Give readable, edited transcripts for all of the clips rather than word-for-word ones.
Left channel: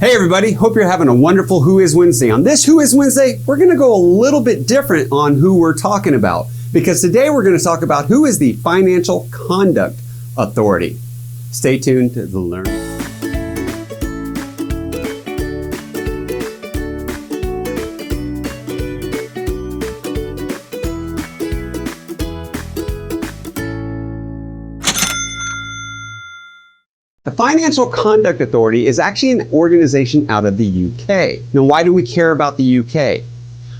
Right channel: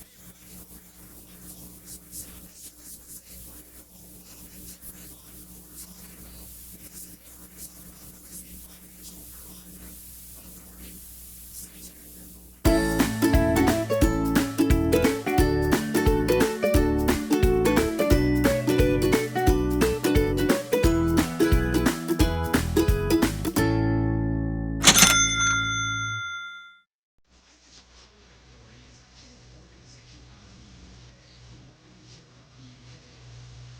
Hey everybody, hope you're having a wonderful Who Is Wednesday. On this Who Is Wednesday, we're going to go a little bit different on who we're talking about, because today we're going to talk about who is the Financial Conduct Authority. Stay tuned to learn. The Financial Conduct Authority is actually an organization out of the UK. Now, why do we care about the UK?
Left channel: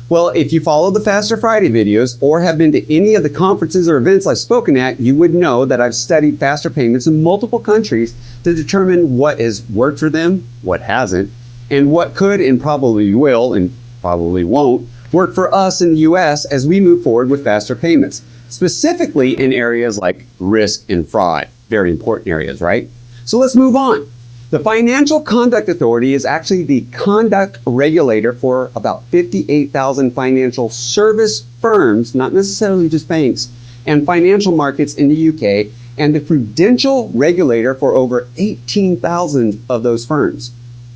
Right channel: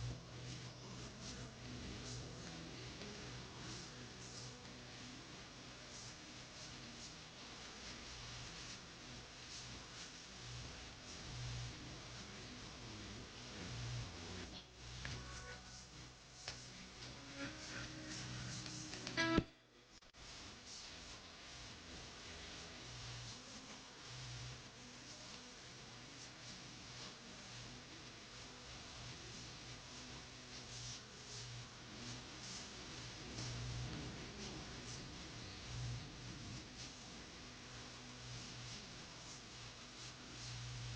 Well, if you follow the Faster Friday videos or have been to any of the conferences or events I've spoken at, you would know that I've studied faster payments in multiple countries to determine what has worked for them, what hasn't, and what could and probably will and probably won't work for us in the US as we move forward with faster payments, specifically in areas like risk and fraud. Very important areas, right? So let's move on. The Financial Conduct Authority is actually the conduct regulator for about 58,000 financial service firms, not necessarily just banks, and financial markets in the UK, and the prudential regulator for over 18,000 of those firms.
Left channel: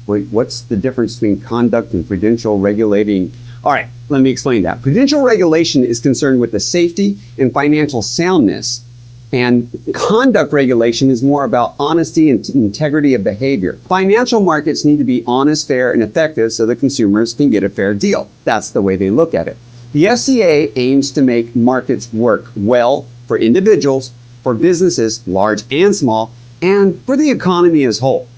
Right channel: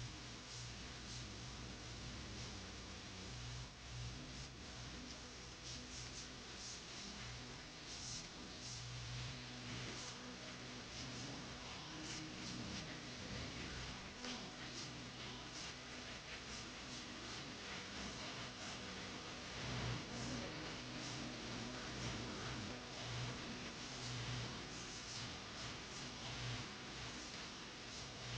Wait, what's the difference between conduct and prudential regulating? All right, let me explain that. Prudential regulation is concerned with the safety and financial soundness, and conduct regulation is more about honesty and integrity of behavior. Financial markets need to be honest, fair, and effective so that consumers can get a fair deal. That's the way they look at it. The FCA aims to make markets work well for individuals, for businesses, large and small, and for the economy as a whole.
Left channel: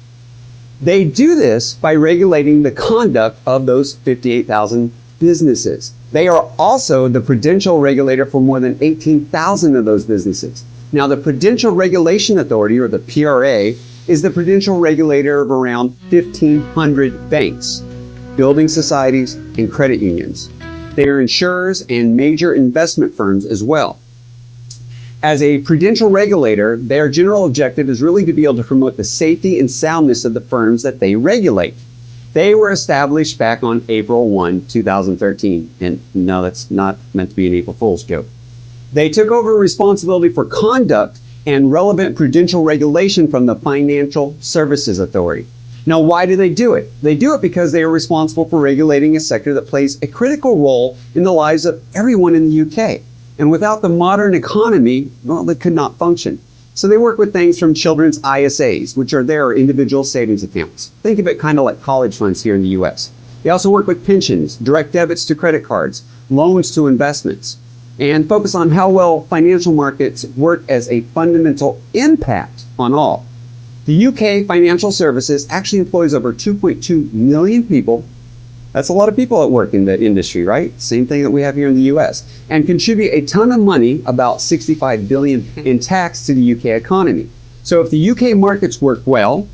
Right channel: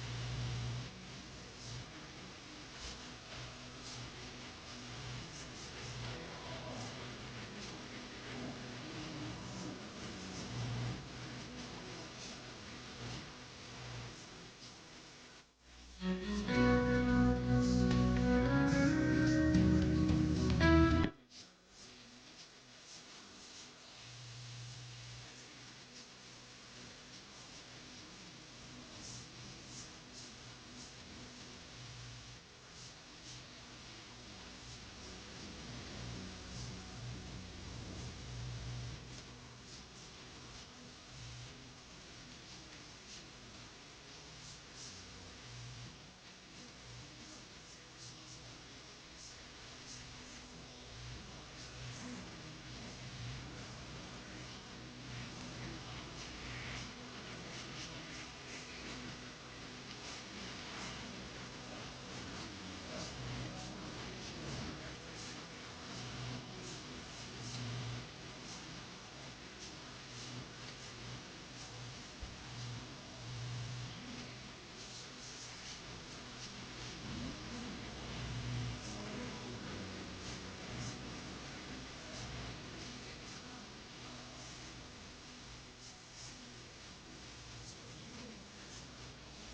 They do this by regulating the conduct of those 58,000 businesses. They are also the prudential regulator for more than 18,000 of those businesses. Now, the Prudential Regulation Authority, or the PRA, is the prudential regulator of around 1,500 banks, building societies, and credit unions. They are insurers and major investment firms as well. As a prudential regulator, their general objective is really to be able to promote the safety and soundness of the firms that they regulate. They were established back on April 1, 2013. And no, that's not meant to be an April Fool's joke. They took over responsibility for conduct and relevant prudential regulation from the Financial Services Authority. Now, why do they do it? They do it because they are responsible for regulating a sector that plays a critical role in the lives of everyone in the UK. And without the modern economy, well, it could not function. So they work with things from children's ISAs, which are their individual savings accounts. Think of it kind of like college funds here in the US. They also work with pensions, direct debits to credit cards, loans to investments, and focus on how well financial markets work as a fundamental impact on all. The UK Financial Services actually employs over 2.2 million people. That's a lot of people that work in the industry, right? Same thing that we have here in the US. And contribute a ton of money, about 65 billion in tax to the UK economy. So if the UK markets work well,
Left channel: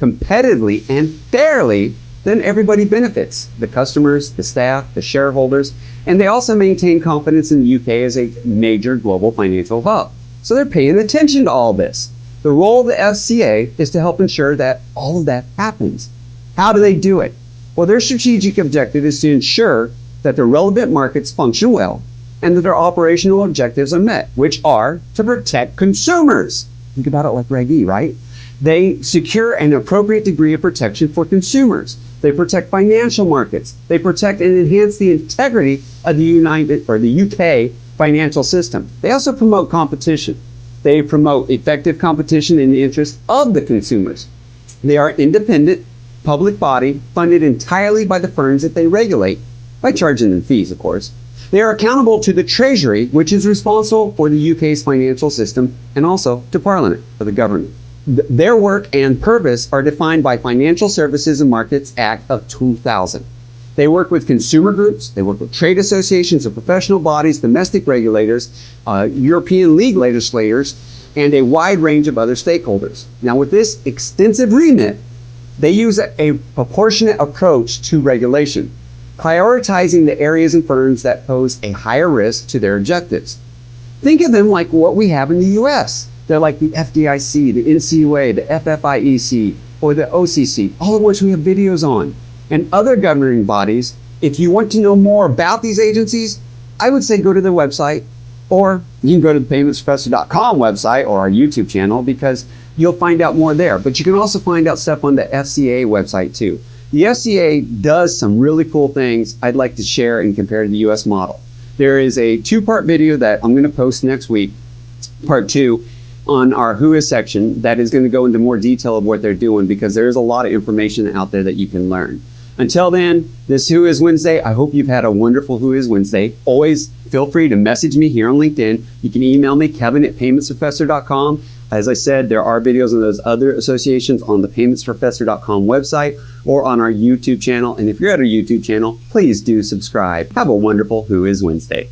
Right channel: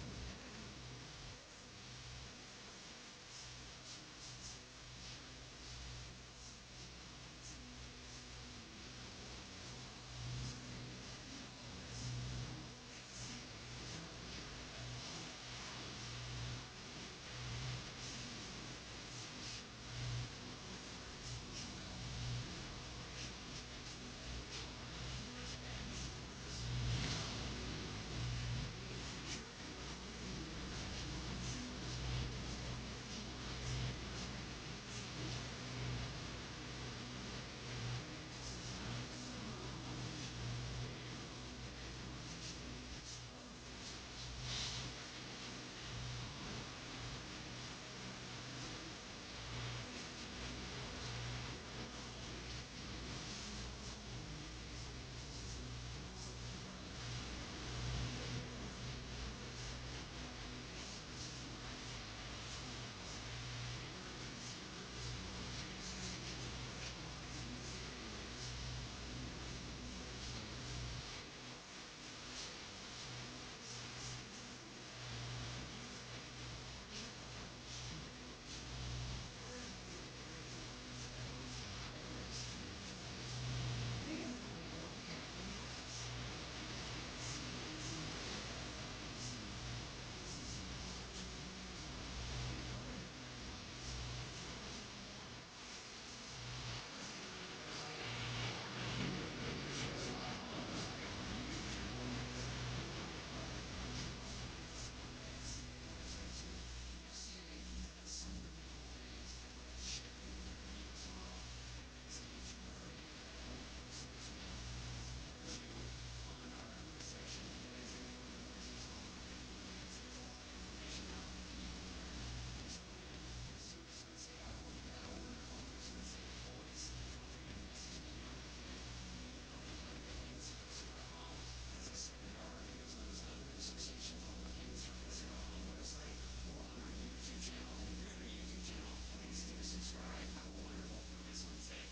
competitively, and fairly, then everybody benefits. The customers, the staff, the shareholders, and they also maintain confidence in the UK as a major global financial hub. So they're paying attention to all this. The role of the FCA is to help ensure that all of that happens. How do they do it? Well, their strategic objective is to ensure that the relevant markets function well and that their operational objectives are met, which are to protect consumers. Think about it like Reg E, right? They secure an appropriate degree of protection for consumers. They protect financial markets. They protect and enhance the integrity of the UK financial system. They also promote competition. They promote effective competition in the interest of the consumers. They are independent public body funded entirely by the firms that they regulate, by charging them fees, of course. They are accountable to the Treasury, which is responsible for the UK's financial system, and also to Parliament, for the government. Their work and purpose are defined by Financial Services and Markets Act of 2000. They work with consumer groups, they work with trade associations and professional bodies, domestic regulators, European league legislators, and a wide range of other stakeholders. Now, with this extensive remit, they use a proportionate approach to regulation, prioritizing the areas and firms that pose a higher risk to their objectives. Think of them like what we have in the US. They're like the FDIC, the NCUA, the FFIEC, or the OCC, all of which we have videos on, and other governing bodies. If you want to know more about these agencies, I would say go to their website, or you can go to the paymentsprofessor.com website or our YouTube channel, because you'll find out more there. But you can also find out stuff on the FCA website too. The FCA does some really cool things I'd like to share and compare to the US model. There is a two-part video that I'm going to post next week, part 2, on our Who Is section that is going to go into more detail of what they're doing, because there is a lot of information out there that you can learn. Until then, this Who Is Wednesday, I hope you've had a wonderful Who Is Wednesday. Always feel free to message me here on LinkedIn. You can email me, kevin@paymentsprofessor.com. As I said, there are videos on those other associations on the paymentsprofessor.com website or on our YouTube channel. And if you're at our YouTube channel, please do subscribe. Have a wonderful Who Is Wednesday.